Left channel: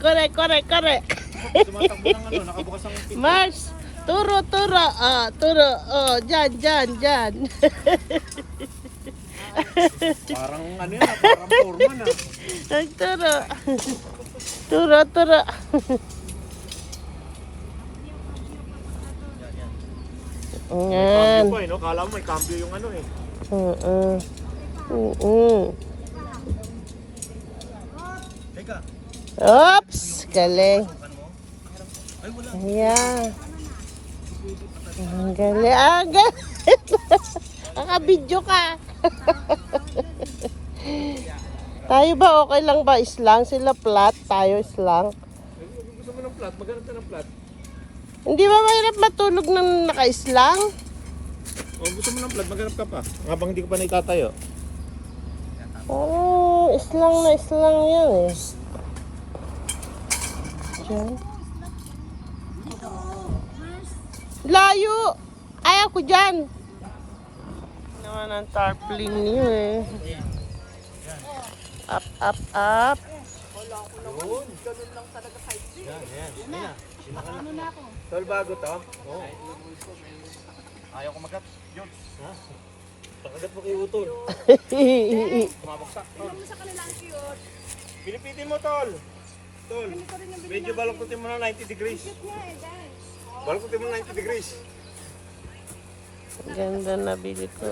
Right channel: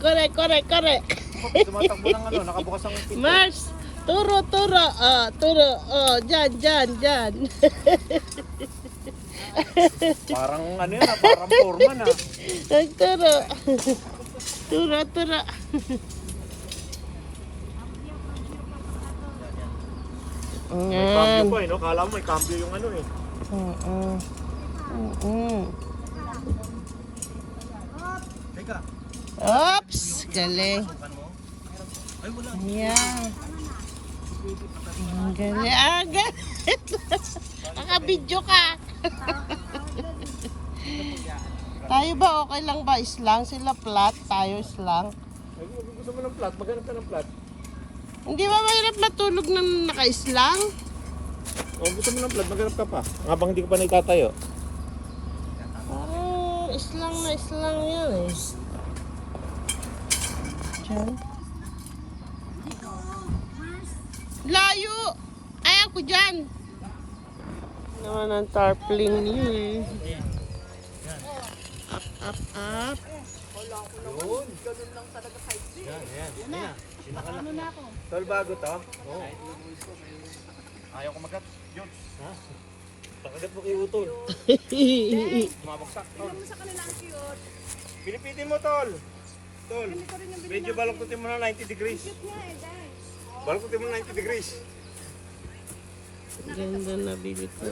Correct. Tumatakbo ng ano, nakabukas ang pinto. Mars, turo. Turo. Dyan. Parang ano yan, parang foreman Nagturo. Turo. May cambio pa no? Kala mo may cambio yung ano eh. Teka. Oops, galing. Yeah. Galing. Nakabidyo ka. Tayo ba okay lang ba islang? Sila flat, tayo islang. Gusto mo ng plat? Maghanap ka ng plat. Hindi ba mahirap matulog ng naka-islang? O gusto mo ng plat, maghanap ka pa. Habang hindi ko pa naitatayo. Parang islang na islang yan eh. Diyan. Layo! Ayaw ko dyan! Yan ang tarpaulin niyo eh. Up. Yun. Ganun lang talaga kahit yan. Ano na ako? Tol, bago to? Oo. Ayaw ko magat. Yun. Ha? Pakagat mo kay Utol. Mabaksak. Tignan mo sa kanilang cute. Pilipitin mo, Tol. Tol, medyo baloktutin mo na 90 degrees. Baloktutin mo na 90 degrees. Ganda na bili ko.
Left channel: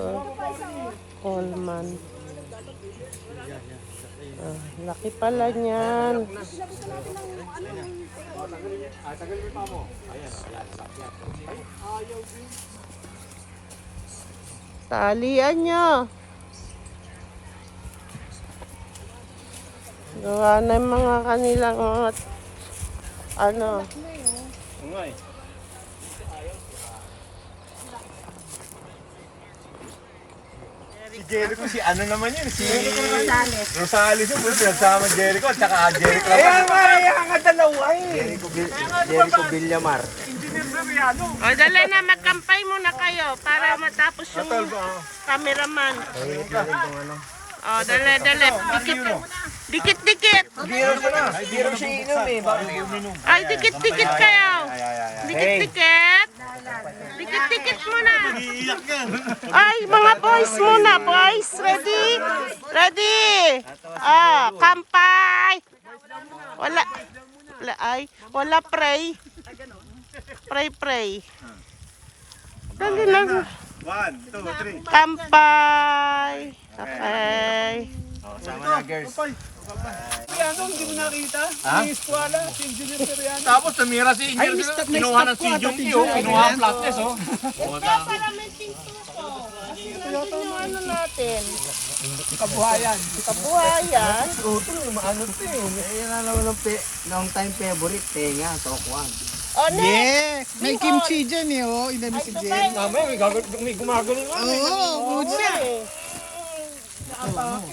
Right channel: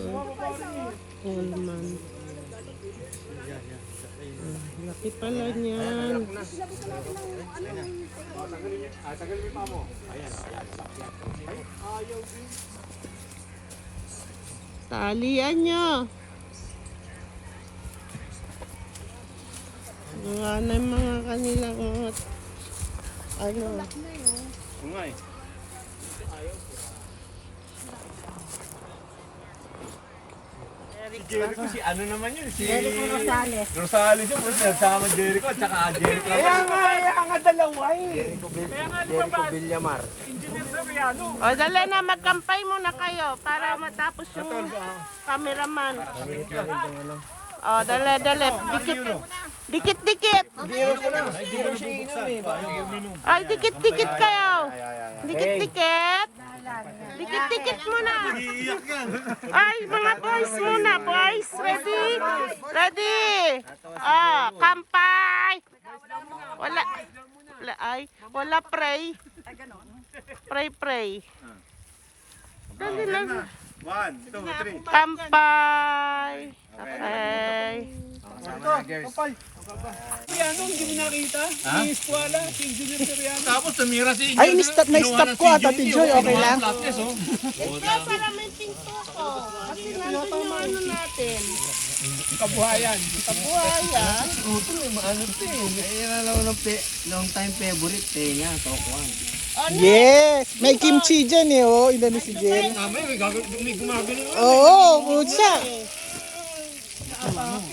Coleman. Laki pala niyan. Tagalin mo pa mo. Ayan. Ayaw din. Talian nyo. Gawa na yung mga kanilang ano. Oo nga eh. Si Jericho, si ano naman yun? Si Rosales yun. Nagsama Jericho at saka Jericho. Kaya nga dalawa eh. Jericho Villamar. Engineer Seriano. O, dali na, magkampay muna kayo para matapos yung cameraman. O, dali. Dikit. Ay, dikit kayo. Dikit muna. Ay, mga boys muna, boys. Ready? Kampay. Wala pray. Pray. Dali lang. 1, 2, 3. Kampay. Okay. Ano, hindi mo nakita? Si Eskwala, si Engineer Seriano. Tapos tumira si Engineer Seriano. Kinuha ng si Jungyo. Kinuha ang flatness, oh. Kaya pala may pinto ko. Kasi nandun yung ano natin. Kabuhayan. Long time favorite, tenga, tokuan. Yes! May kimchi dyan eh, oh. Ilan na si Jerry. May gumagano nga. Oo, putsa.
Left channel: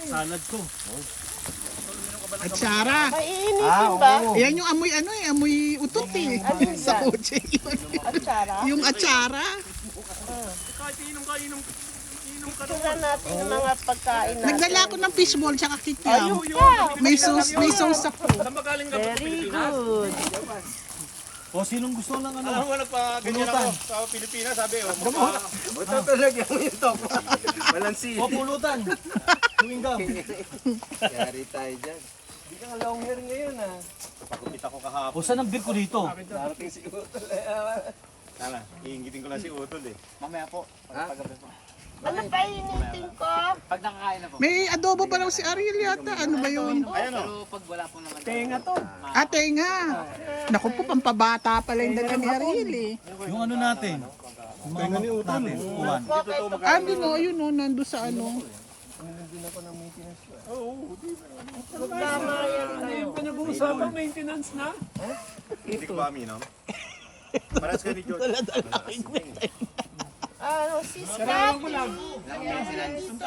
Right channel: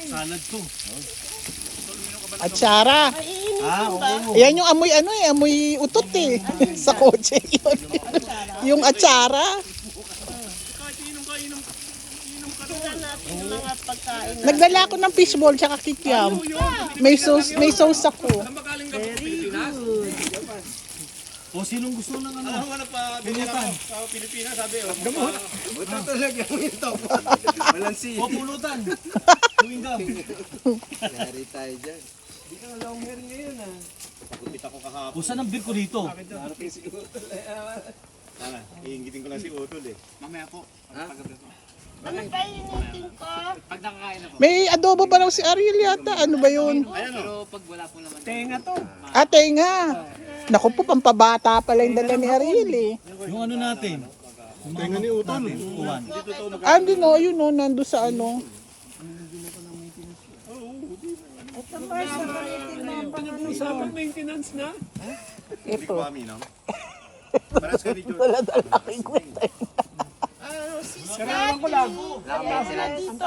Salad ko. At Sara. Maiinitin ba? Yan yung amoy amoy utot eh. Sa kotse yun. Yung atsara. Kahit inom ka. Tingnan natin yung mga pagkain natin. Nagdala ako ng fishball tsaka kikiam. May sauce ako. Saan ba galing ka? Pilipinas? O sinong gusto ng ano? Ano nagpa-pilutan sa Pilipinas, sabi oh. Gamot. Ito talaga yung top. Balansi. O pulutan. Tuwing gam. Yari tayo dyan. Hindi ka nga long hair ngayon ah. Pagkupit ako kahapon. O saan ang beer ko dito? Darating si Utol. Tama, iingitin ko lang si Utol eh. Mamaya po. Pagkagabi po. Ano pa initin ko? Pag nakakain ako. May adobo pa raw si Ariel yata. Ano ba yun? Ayan o. Pero pag wala ko naman. Tenga to. Ate nga. Naku po, pampabata pala yung dala ni Ariel eh. Yung ano natin? Tenga ni Utol. Uwan. Ah, hindi no, yun no, nando sa ano. Ano yung panag-uusapang maintenance na? Hindi ko amin no? Paras ka ni George. Ano, si Scotty. Ayan, dito.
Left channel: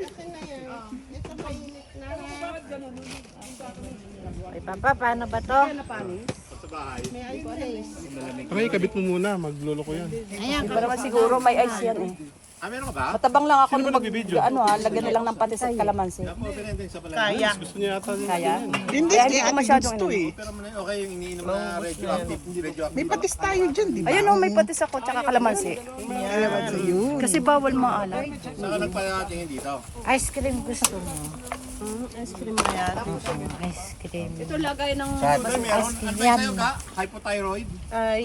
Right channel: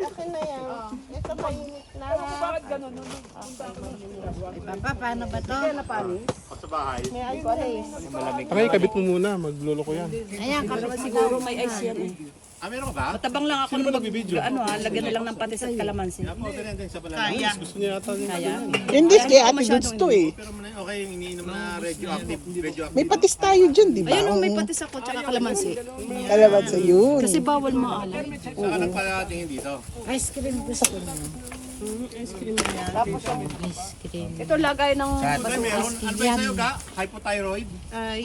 Akin na yan. Ito mainit na. Ay, Papa, paano ba to? Sa bahay. May ice. Aray, kabit mo muna, maglolo ko yan. Ayan, siguro may ice yan eh. meron ka ba? Matabang lang ako Sino ba mag, nagbibideo? lagyan na lang ng patis at kalamansi. Kaya. Gusto niya yata niya. Kaya? Hindi, Kaya kaya ko ate masyadong gusto eh. Pero okay yung iniinom na radioactive. May patis tayo dyan, di ba? Ayun oh, may patis ako tsaka kalamansi. Talagang sa yun. Kasi bawal maalat. Saka nagpalatingin dito. Ice cream gusto mo. Ice cream na yan. Ito lagay ng Ay, meron. Ano ba sa'yo ka? Hypothyroid? Ay.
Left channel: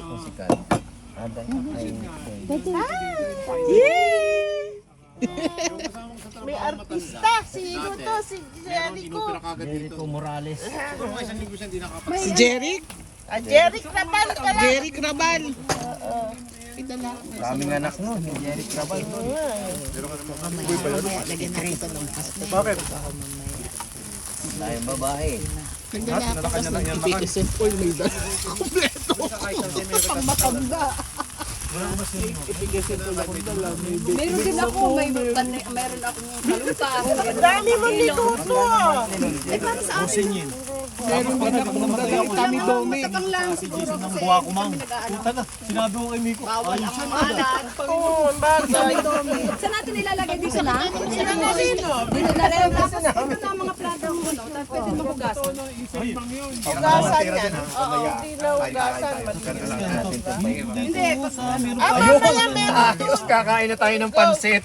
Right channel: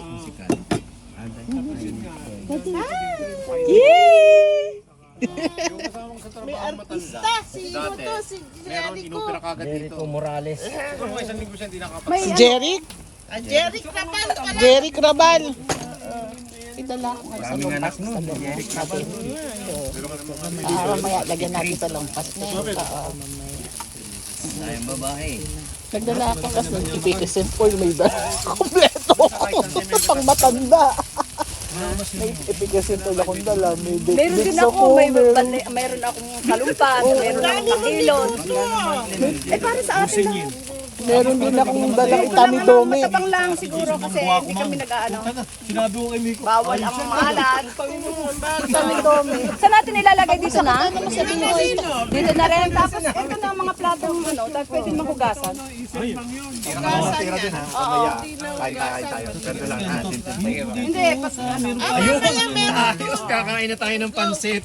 May artista. Sino to? Si Jericho. Inopera kagad dito. Morales. Pero isang linggo siya hindi nakapag. Si Jeric? Jeric Rabal ka lang. Jeric Rabal. Ito lang. Maraming anak nun. Jeric Rabal. Lagyan natin sa lampas. Bakit? Tayong babae. Nagdala ka kasi ng Tito Simple. May dala. Kompleto. Pang matanda. May Tito Simple akong dala. May Meron din ako, mayroon akong kalumpas, meron Dami mo akong ni ilong. Tuto. Eh para sa akin lang. meron din akong dalang tamidome. Matabang lang siguro kasi hindi kami nag-aano. Sinabi ko kay Miko. Bawal ang maalat. Tamidome. Saan natin ilalagay dito na? Dito na rin. Tapos ito na ang mga platong ano, tapos pwede mo hugasan. Hugasan yan. Oo, hindi na hugasan. Hindi, Mamaya meron. Ayos, kakain na tayo ng pansit.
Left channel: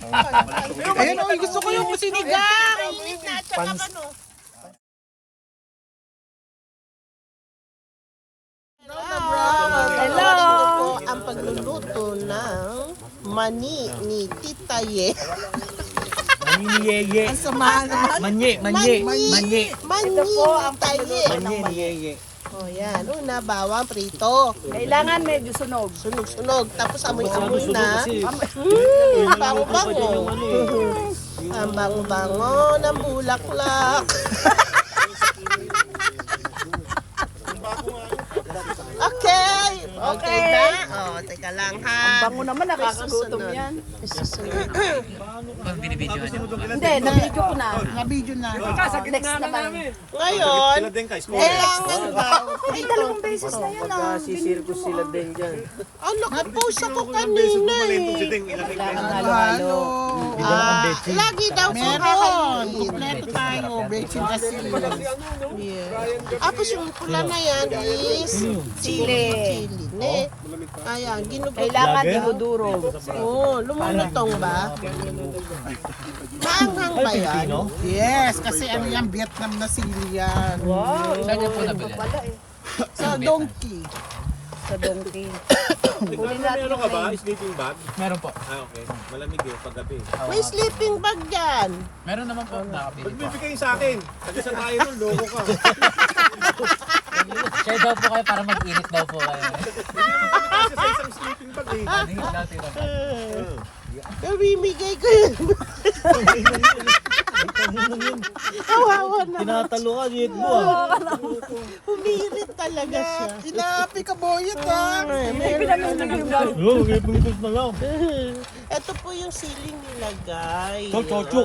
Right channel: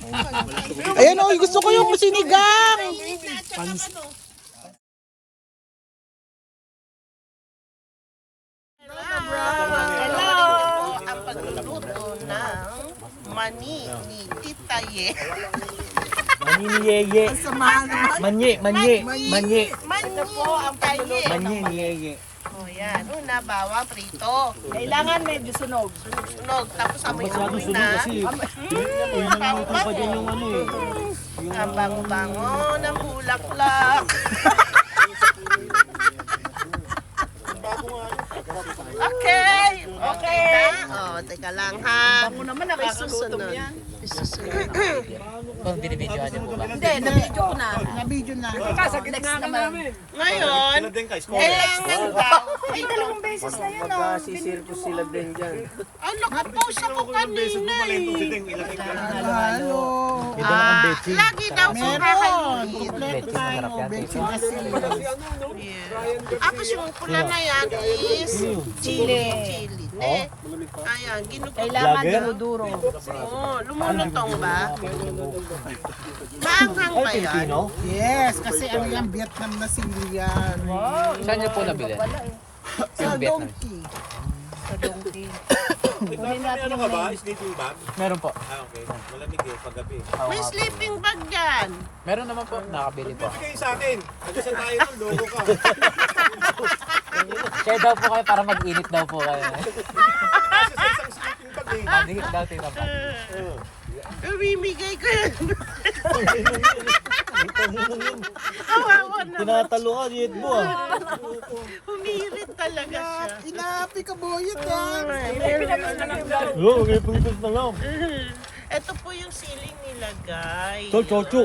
Ayun o, gusto ko yung sinigang. Hello! Ang pagluluto ng mani ni Tita Ye. Maniyeye. Samahan naman. Manye. Mani ni Tita Ye. Manye ni Yeye. O yan, una bawang prito. kailangan medyo sunog. Sunog-sunog. Tapos amoy-amoy na. Bango-bango. Ang bango-bango ng bulaklak. Okay. Okay na. O, teka lang ha. Bango naman, May nakakagutom susunod. yan. May susunod. Hindi, nabidyo ko na. Na-video na. Ngayon, kailangan ba? Ay, dalawang beses na yun. Sisirkus sila din dyan. Ano ka pusa ko kanina eh. Halo. Lagi daw po Meron. Kompleto tayo. Bechin kasi. Tapos yung pula na yan is chili. Ne? Ayan, Kailangan dinuduro. Oo, lumulutong ba? Maanghang ba yan? Yes, kasi ano yan, Vietnam na sili yan. Saan niyo po nabili? Sa donkey. May ano ka ba? Sleeping bag? Meron po. Okay. Malamig eh, paggabi. May sleeping bag yan. Meron naman po. Nakabili po. Bibigay sa akin. Kasi sa tayo nun, loko ka. Share daw po kayo para mag-init daw po kayo. Kasi sa isang sleeping bag eh. Init daw tingnan po. Bibigay ko yun. Kawawa na. Tinatalo ka, diet mo. Humirit talaga siya. Inapi ka boyet ha. Oo, may pungkos na lang. Ito po yung siling nilagay. Chocho.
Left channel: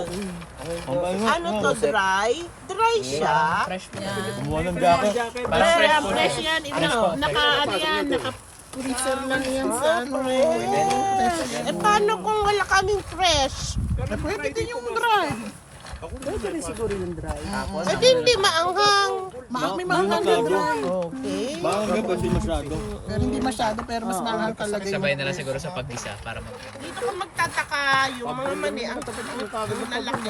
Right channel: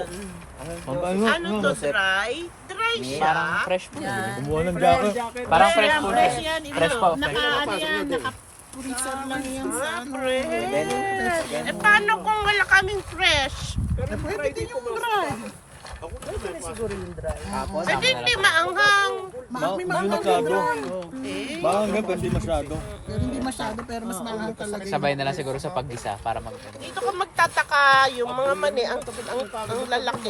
Ano to, dry? Dry siya. Fresh po. Kumuha ng jacket. Parang fresh po. Fresh yan. Fresh po. Naka-ano yan, Eh, paano kung wala kaming fresh? Pwede din yung dry. Hindi, hindi maanghang. May maanghang na dry. Okay. Bakit kasi masyado? Pero hindi masyado, pero mas maanghang talaga yung Sabay na lang siguro sa paggisa para mag... Dito ka magtataka yung mga mani, ang lalaki.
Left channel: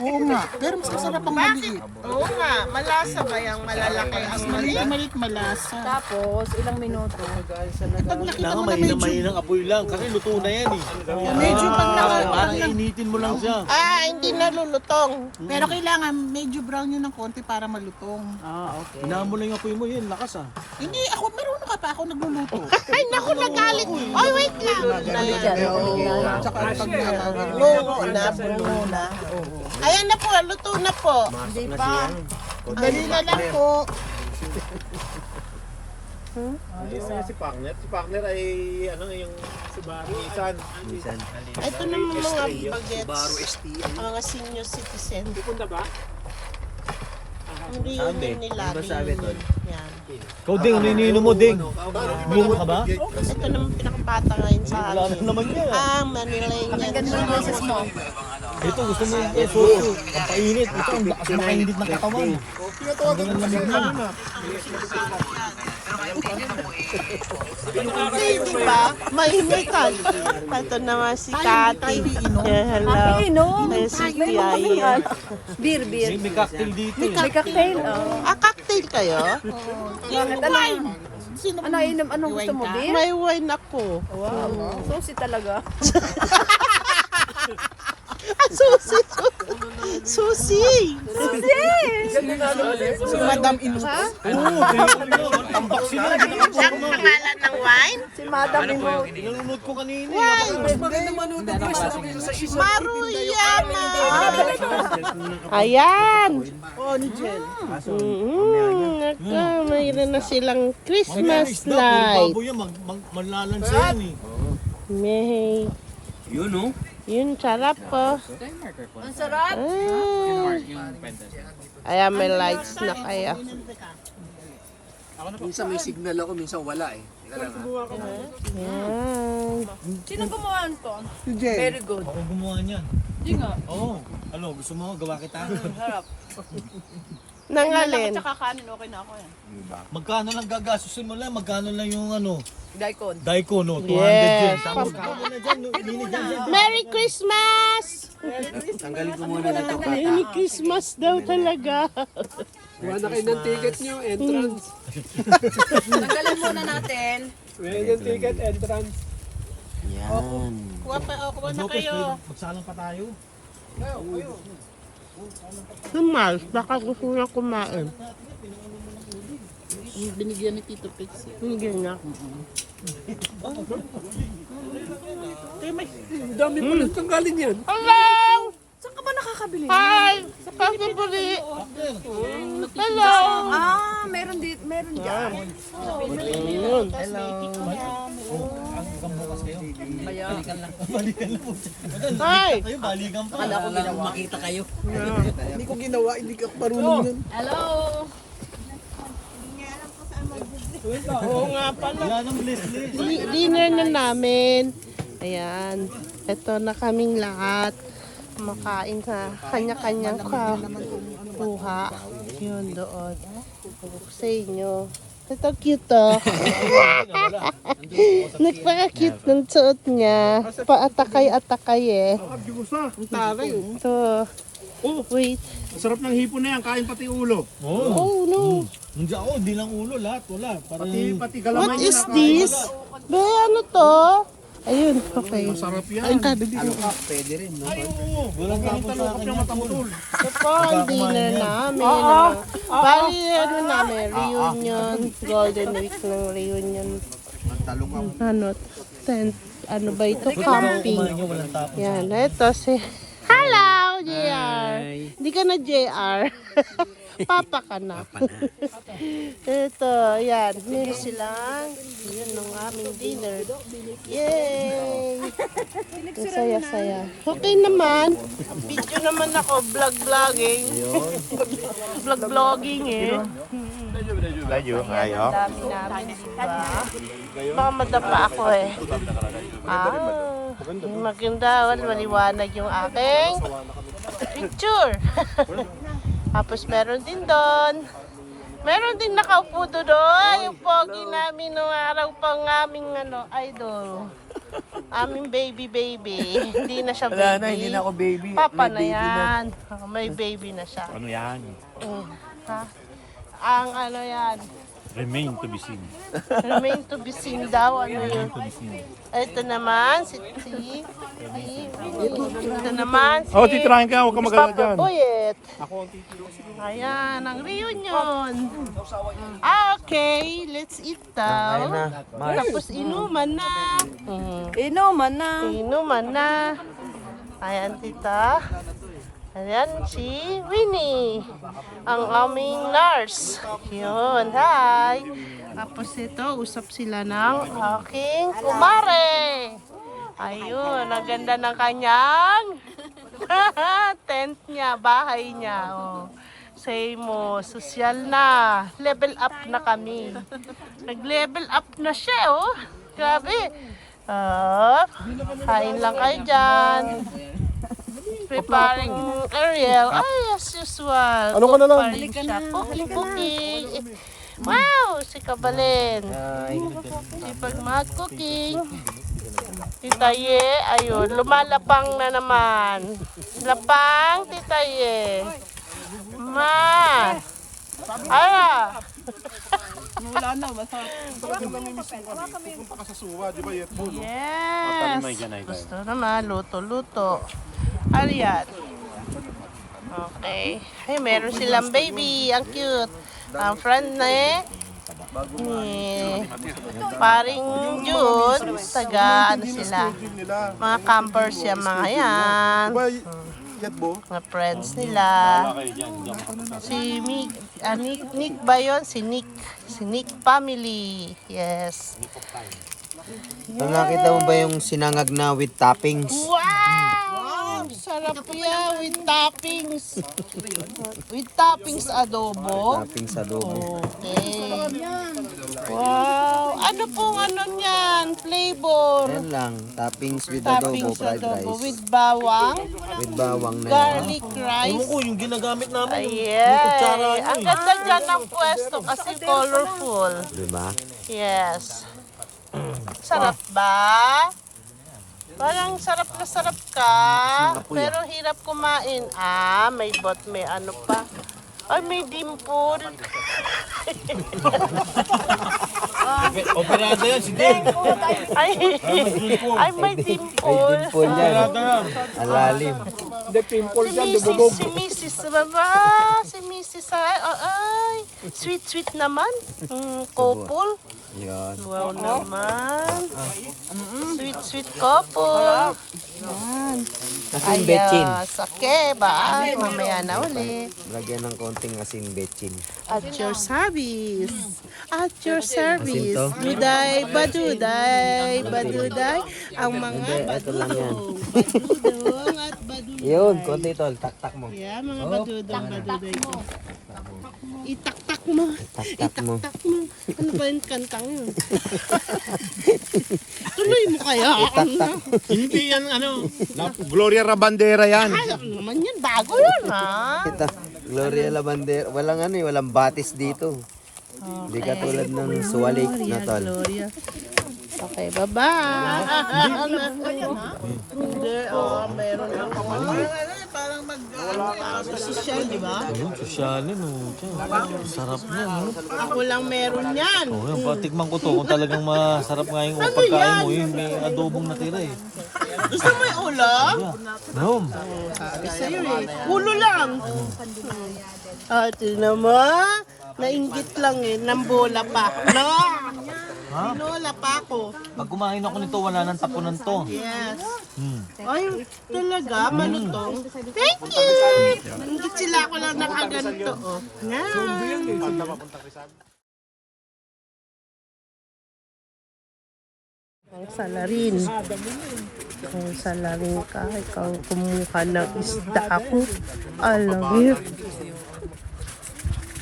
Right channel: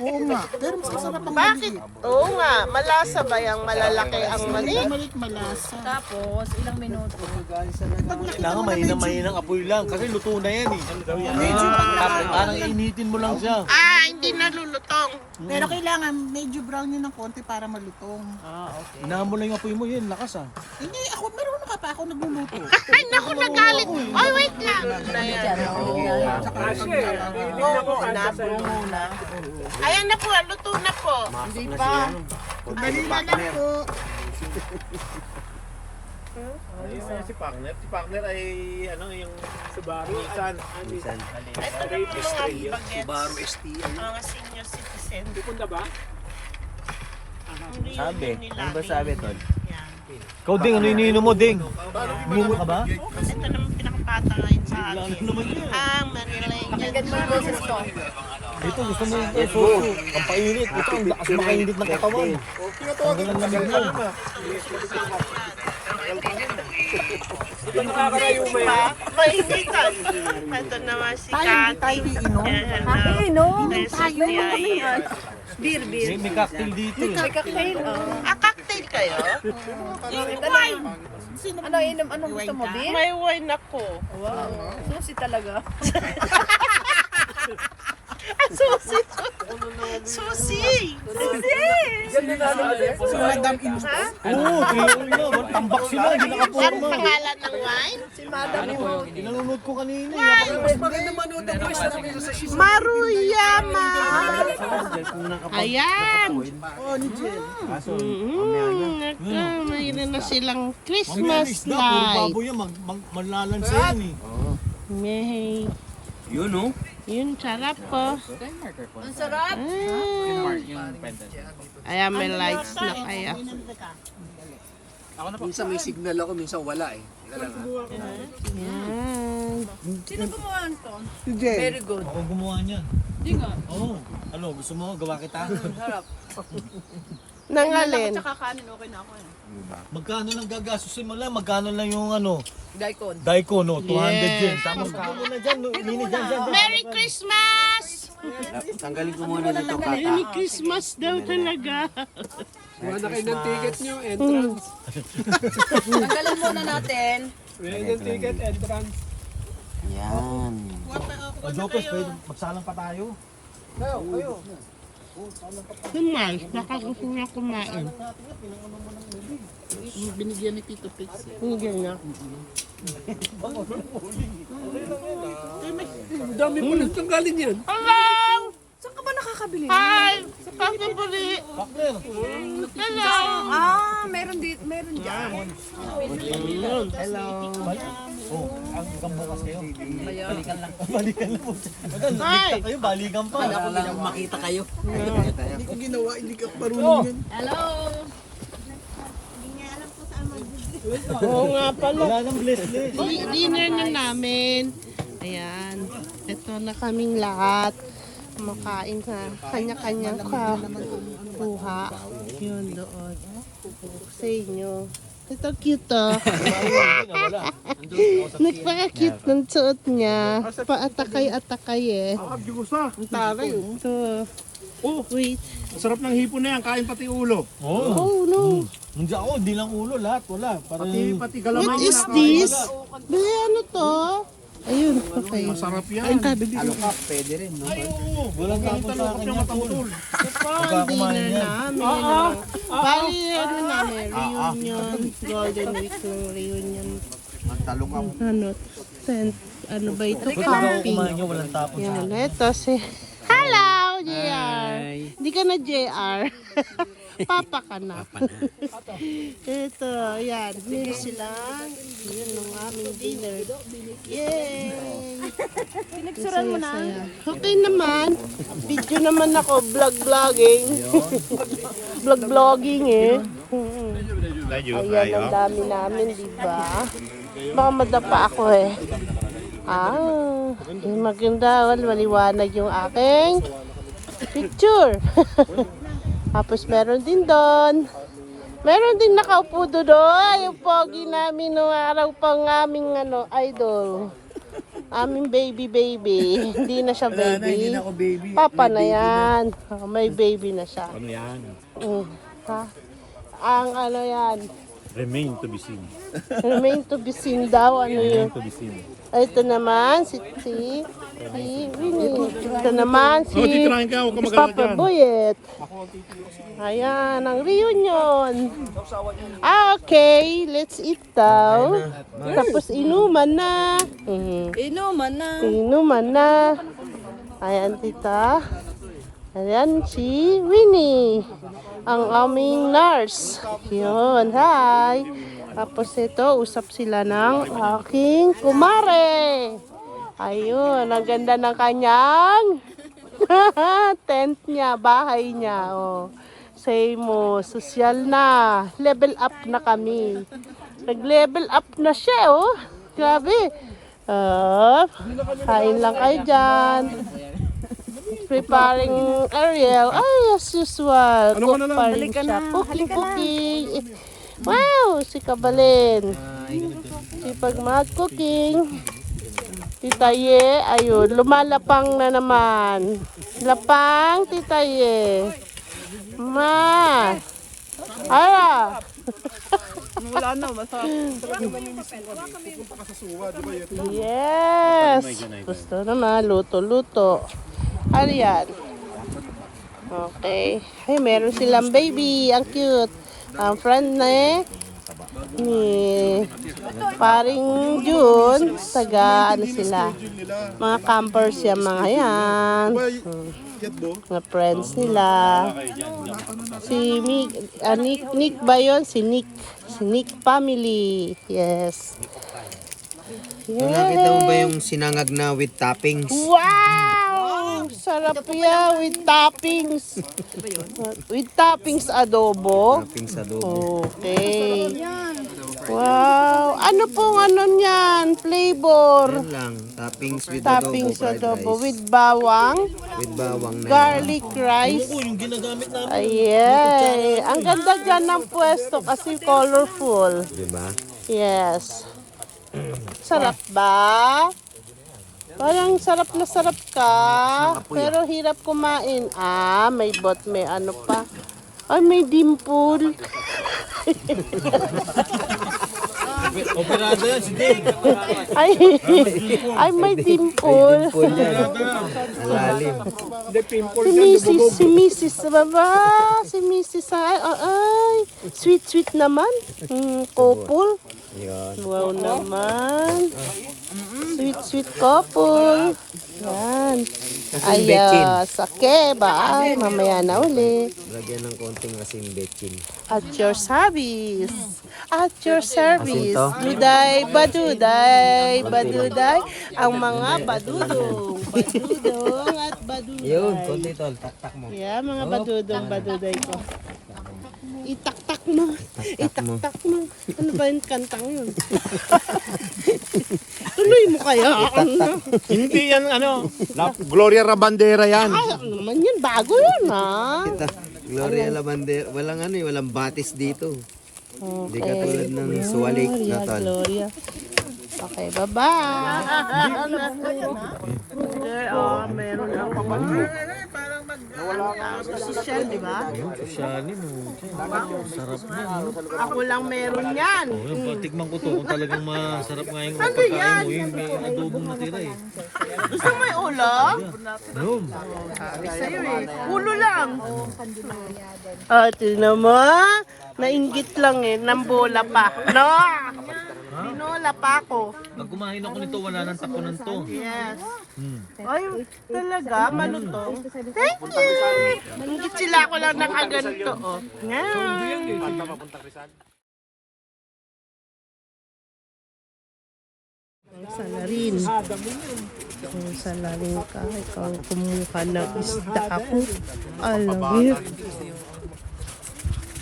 Oo nga, pero mas masarap ang Bakit? maliit. Oo nga, malasa ba yung malalaki ang mali? Yung maliit malasa. Tapos, ilang minuto. Pag nakita mo na Mahina-mahina apoy lang. Kasi luto na yan eh. medyo pag Parang initin mo lang siya. Hindi nalulutong. pero kailangan medyo brown yun ng konti para malutong. Hinahan mo lang yung apoy mo yun. Lakas ah. Hindi, ako meron ka pa ako nagluluto. Ay, naku, nagalit. Oy, wait lang. Tsaka pag nalaman. Oo, nabuno na. Ayan na po, luto na po. Hindi pa. Dali na lang po. Si Pagner. Si Pagner ay ano yung Subaru. Ito naman mga bagets. Subaru ST. Mga senior citizen. Punta ba? Ang reunion nila. Ano ba sabi, Tol? Yan. Ikaw, Ding, ano iniinom mo, Ding? Iniinom ka ba? Ito naman pinakapata ngayon sa Wala akin. naman yan. Manilayan. Ito, gusto mo yung soso. Ang painit. Ito, ang lakas makainit ng katawan. Mainitan. Ito naman si Tatay. Hello. Inom. Ay. Beer. May cocktail dito eh. May cocktail. Cocktail kayo? Ano inom? Anong gusto mo? Beer? May wine ako. Susi talaga. Susi! Susi! Madam Inu. Ha? Tambak sila. Ang pangalan ng wine? Si Madam Ano po yung Nanonood ko kanina. Maruyama! Ayan! Mayroon na silang Christmas light. Baboy yan. Manlalansa yan eh. May. Yun, no? Yun, sarap po. Ang sarap. Ayan, may lights na kayo. Minsan may signal ako, minsan wala eh. Teka lang ha. Ayan. Sino gumawa nito? Si Jen. Very good. Ako gumawa niyan. Hindi nga. Oo. Ano, gusto mo gawa kita? Sarap. Nang alin? Tsaka kanin, okay na ako yan. Magkano lang gagastusin mo lang? Magkano lang yung ano? Daikon. Daiko, no? 200 yen. Yes. Tapos gawin na dyan. Lini dyan. Merry Christmas! Tanggalin ko muna dito Merry Christmas daw talaga. Kuha na kayo ng ticket nyo, entrance. Tanggalin muna natin. Meron yung ticket, entrance. Lopez, magsalang pa tayo. Sumal, baka gusto niya kumain. Binigyan ni Tito Pix. Binigyan niya. Ang dami mo lang tanggalin yan. Hello! Saan ka ba nakakabili? Hi! Sa Pasipuli! Hello! Ah, meron dito, meron dyan. Hello! Oh, ang bukas kayo. Kaya, Balikan lang po. Hi! Kayo, balikan pa. makita kayo? Hindi ko ginawa, hindi ka marunong yan. hello. Oo nga pala. Wala nang bless. Dinner na namin. Ayan. Ito na kaming lahat. Kumakain sa kanya-kanyang kuha. Yun doon. Sa inyo. Ito cute oh. Nagpaka-cute ng suot niya. Paatakay-atakay eh. Ang taray oh. Ito. Oh, wait. Sarap ng hipon na yan. Kain pati ulo. Oh no. Hindi ako, hindi lang ulo. Lahat, wala. Pati What is this? Be, ano to? Ayun, okay. Masarap yan. Ayun, tabi dito. Pwede rin, no? Ay, oo. Walang tapon sa akin. Matangutol. Ito po ang dinner namin. Bali, ano namin, reunion. Golden week ng reunion. Ano, tent, ano ba ito? Camping. Kumain nyo, walang tapon sa Yan, ito si... Hello, JR! Hindi ka na JR. Papa ka na. Ito, yan. Meron silang, yun ang aming dinner. Yay! Saya-saya. Okay naman. Video naman ako. Vlog-vlogging. Vlog-vlogging eh. Layo, ayo. Dami namin, diba? Baka madapa ako eh. Maganda, maliwanag yung aking picture. Tapos meron din doon. Meron din nakaupo doon. Yung pogi namin noong araw pang aming idol. Aming baby. Hindi na siya baby. Wala na, hindi na ako baby. Papa na yan. Oh, may baby na siya. Ano yan? Ha? Ang ano yan. Remain to be seen. Remain to be seen daw. Ano yun? To be seen. Ito naman, si ito naman, si... titirahin ka. Huwag ka magala dyan. Buyet. Ayan, ang reunion. Okay, let's eat daw. Tapos inuman na. Inuman na. Inuman na. Ayan, tita. Ayan si Winnie, ang aming nurse. Yun, hi. Tapos ito, usap sila ng aking kumare. Ayun, ang ganda ng kanyang tent niya, bahay niya. Oh. Say mo, social na. Level up na kami. Nag-level up na siya, oh. Grabe. Kain lang kayo dyan. Preparing Ariel. Ay, as usual. Ano ka na lang? Halika na. Halika na. Wow, si Kabalin. Si Pagmahal Cooking. Tita Ye, ayun, lumalapang na naman. Lapang, Tita Ye. Ma. Ara. Wala na, masarap. Yes. Gusto na, luto-luto. Ariyan. Okay. Ay, meron silang baby. Ang cute. Ang friend ni paring June. Taga, ano sila. Mga campers yan, mga yan. Mga friends nila. Si Nick ba yun? Si Nick family. Yes. Nakita mo ba yung sinangag na with toppings? Wow! Sarap yan with toppings. With toppings adobo. Toppings adobo. Okay. Wow! Ano pong ano niyan? Flavor. Yan lang, toppings with adobo, Toppings fried adobo rice. with bawang, With bawang na yan. garlic rice. Oo, yung ginagamit namin. Ayan. kutsara yun Ang ganda dyan ng pwesto kasi colorful. Diba? Yes. Sarap ba? Parang sarap na sarap ka. Pero hirap kumain. Ah, may may ano pa. Ay, may dimple. Operada yan, si Dave. Ay, ay may dimple. Dimple yan. Alalim. Si Mrs. Baba. Si Mrs. Ay, sweet naman. Couple. Yan. Wow naman. Sweet couple. Yan. Asin bechin. Sake ba? Ay, mamaya na uli. Lagyan ng konting asin bechin. At your service. At your service. Asin to? Duday, baduday, baduday. Ang mga badudong. Badudong at baduday. Yun, konti tol, taktak mo. Yeah, mga badudong, baduday ko. Itaktak mo. Taktak mo. Itaktak mo. Ano ba yung kantang yun? Tuloy mo kaya. Hindi yan, ano, Gloria Rabandera yan. Ay, ano naman yan? Bago yan, ha? Ito, Gloria Labander. Walang ano eh, walang batis dito. Hindi katulad ng suwalik na tol. Gloria. Okay, bye-bye. Hindi, meron ako. Parang social, di ba? Sosyalin, sarap na. Ako lang meron yan. Yung patikman ko to, kung talagang masarap nga yung pagkain mo, yung may adobong natira eh. Gusto mo yung ulo? No. Sabi sa'yo eh. Ulo lang. Tingnan mo. Nainggit lang eh. Nambola pa. No! Tinola pa ako. Pag kumain ako nito, wala nang tapunan to. Yes. Ay, talaga, malutong. Thank you! Ingit sila ako lang nakaganto, oh. Yan. Ang salarin. Ang salarin ka. Ikaw kumuha ng isda ako. Alam mo.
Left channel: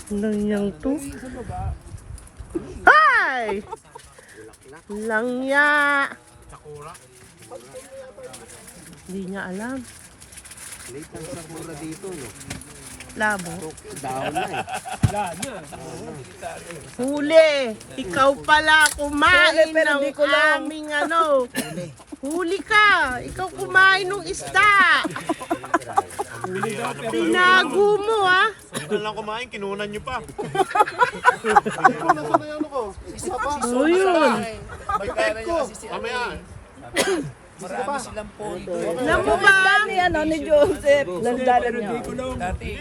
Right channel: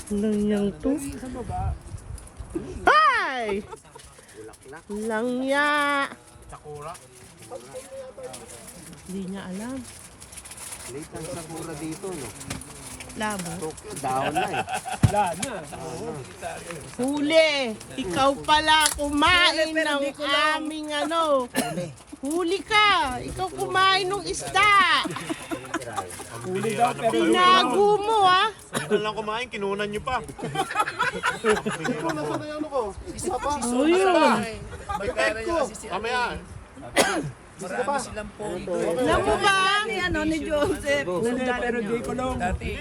Ano niyang to? Hi! Langya. Hindi niya alam. Late ang sakura dito, no? Labo. Down na eh. Huli! Ikaw pala kumain ng aming ano. Huli ka! Ikaw kumain ng isda! Tinago mo ah! Ano lang kumain, kinunan nyo pa. O yun! Mamaya. Alam mo ba? Ni Joseph. Hindi,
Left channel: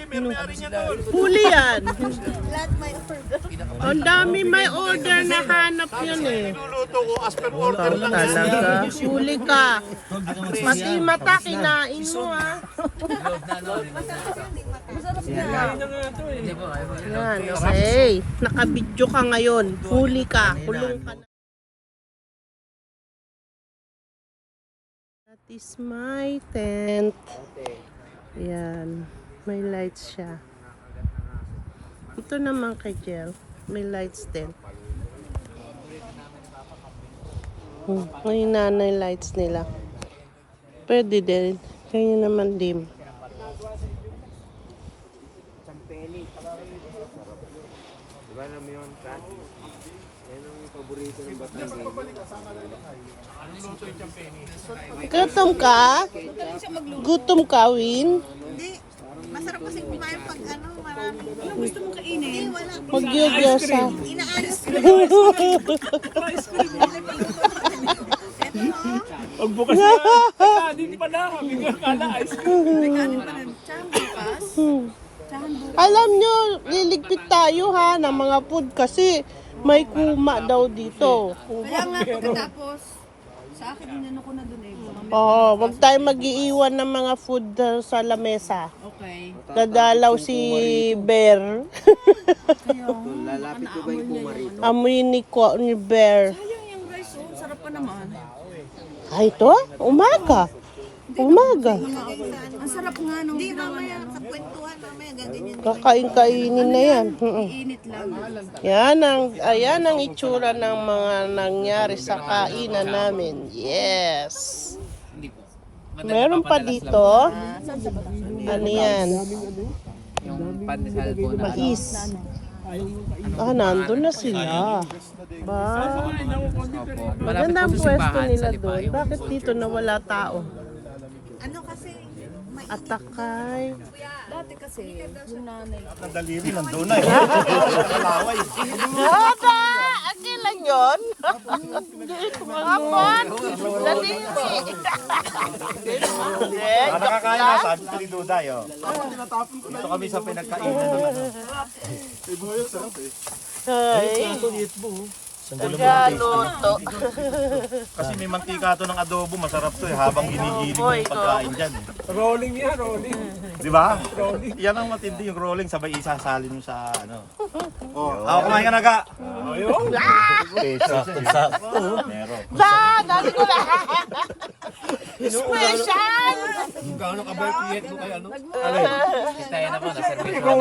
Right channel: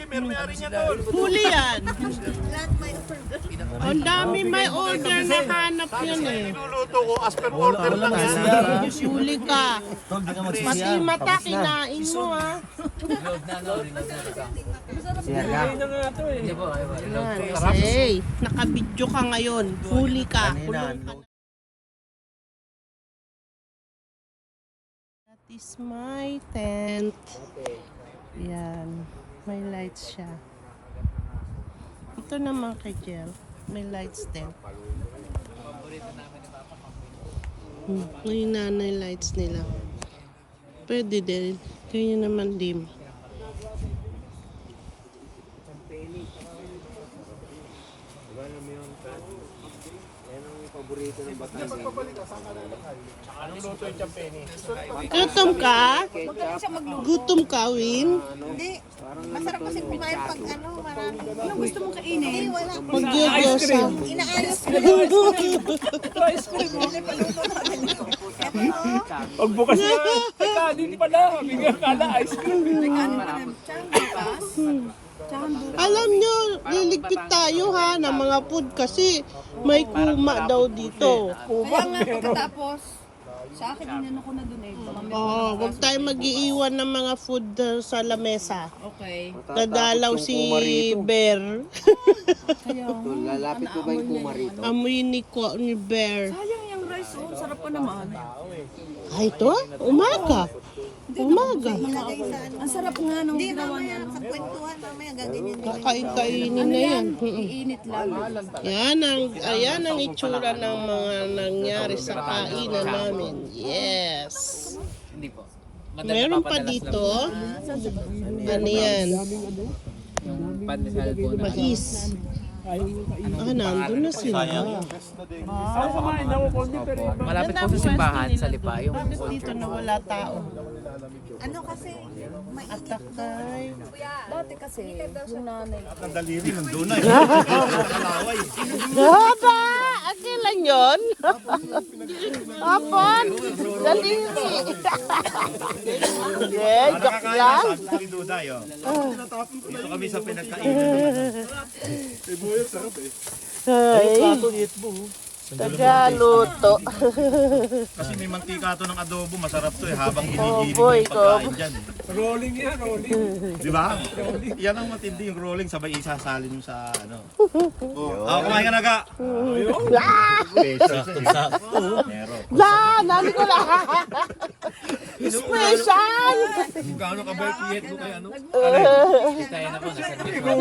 meron may ari niya doon. Huli yan! Ang dami may order na hanap yun eh. Niluluto ko as per order lang. Talaga, huli ka. Pati mata kinain mo ah. Yan, okay. Nakabidyo ka ngayon. Huli ka. Kulong ka. That is my tent. Yan. May lights siya. Ito naman kay Jel. May lights din. May nanay lights nila. Pwede din. Kaya naman dim. Diba alam mo yun, Pat? Yan ang paborito ng Batangas. Gutom ka? Gutom ka, Win? Hindi. Masarap kasi kumain pag ano, marami. Ano gusto mo kainin? Hindi, wala. Pag gyosa. Inaayos ko. Pag bukas na, kanin pa na. Bigyan ka na ice cream. May kanin pa rin. Tsaka bukas. Alam nyo, liligpit tayo ha ng mga food kasi may kuma daw dito. Kaya nga pagkatapos, sa akin inano ko na dun eh. Oo, wag tayo mag-iiwan ng mga food sa lamesa. Okay. Dadalaw si Bear. Lalapit ko ba yung kuma rito? Amoy ni Bear. Sayang yung rice oh, sarap pa naman. Ay, ito? Umaga. Umaga. Ang sarap nga nung Hindi, mamaya sa kwentuhan, mamaya gaganyan. Kakain-kainin na yan. Init lang. Ayan ang itsura ng mga nangyari sa kainan namin. Yes. Hindi po. Meron pa dito. Ano yan? Yung pandesal po na. Mais. Nandun na sila. Malapit Ganda po ang sa pwesto simbahan nila sa Lipa. doon. Yung Bakit dito na wala tao? Ano kasi, may Atakay. Dati kasi, yung nanay. Nadaliri, nandun na eh. Nakalaway. Baba! Ang kailan yun? Nakakain na, sabi ko ni Duday. Oh. Dito kami sa pinagkainan ng ano. Ay, plato, liit mo. Sandalo mo ng taste. Luto. Kasi may mantika to ng adobo, masarap to eh. Habang ginigiling mo yung pagkain dyan eh. Rolling yan, rolling. Di ba? Yan ang matindi yung rolling, sabay isasalin mo sa ano. Ako kumain ka na ka. Sakto-sakto. Meron. Yan! Dali ko lang. Special! Gaano ka ba yung tiyet mo kay ano? Kita yan ako, naservice ko.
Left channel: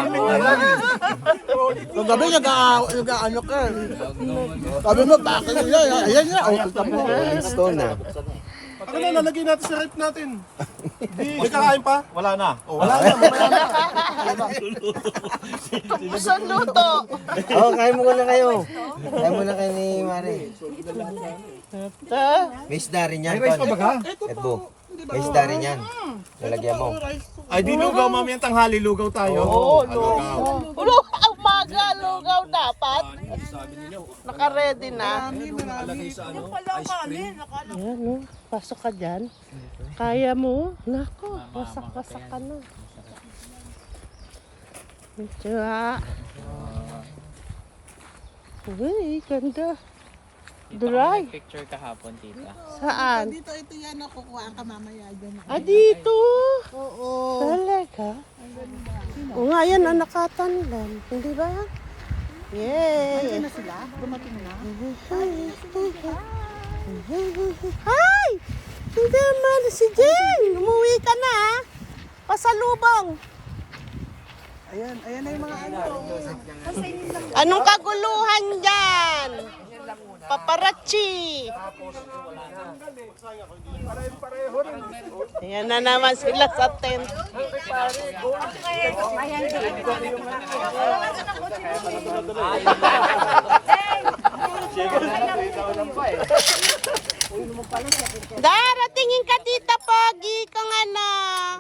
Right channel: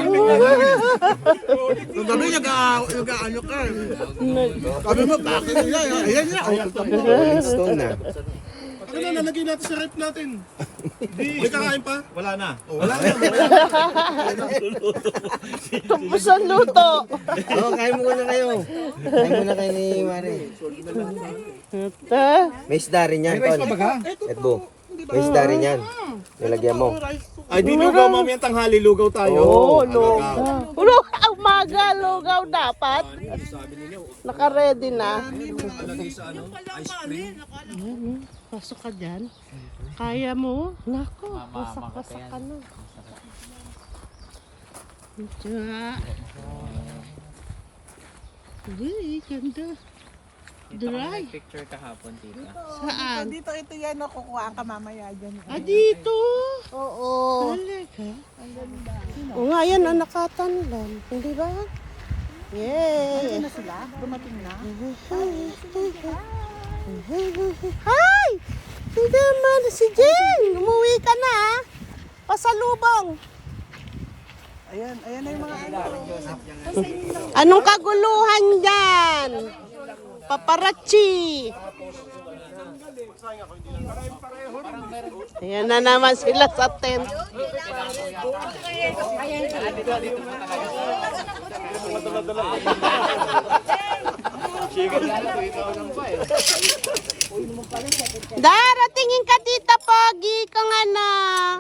Nung gabi nag-ano ka. Sabi mo, bakit nila? Ayan na. Rolling Stone na. Ano na, nalagay natin sa rip natin. May kakain pa? Wala na. Wala na. Isang luto. Kain mo na kayo. Kain mo na kayo ni Mare. May isda rin yan, Ton. Edbo. May isda rin yan. Nalagyan mo. Ay, di lugaw mamaya tanghali, lugaw tayo. Oo, lugaw. Lugaw, umaga, lugaw dapat. Naka-ready na. Nakalagay sa ano, ice cream. Ayan, no? Pasok ka dyan. Kaya mo? Naku, wasak-wasak ka na. Diba? Uy, ganda. Dry. Picture kahapon, tita. Saan? Dito ito yan, kukuha ka mamaya dyan. Dito. Oo. Talaga? O nga, yan ang nakatanlan. Hindi ba? Yay! Ano sila? Dumating na? Hi! Hindi naman si Jen! Umuwi ka na ah. Pasalubong. Ayan na yung mga ano. Anong kaguluhan dyan? Paparazzi! Yan na naman sila sa tent. Daratingin ka tita Pagi ka nga na.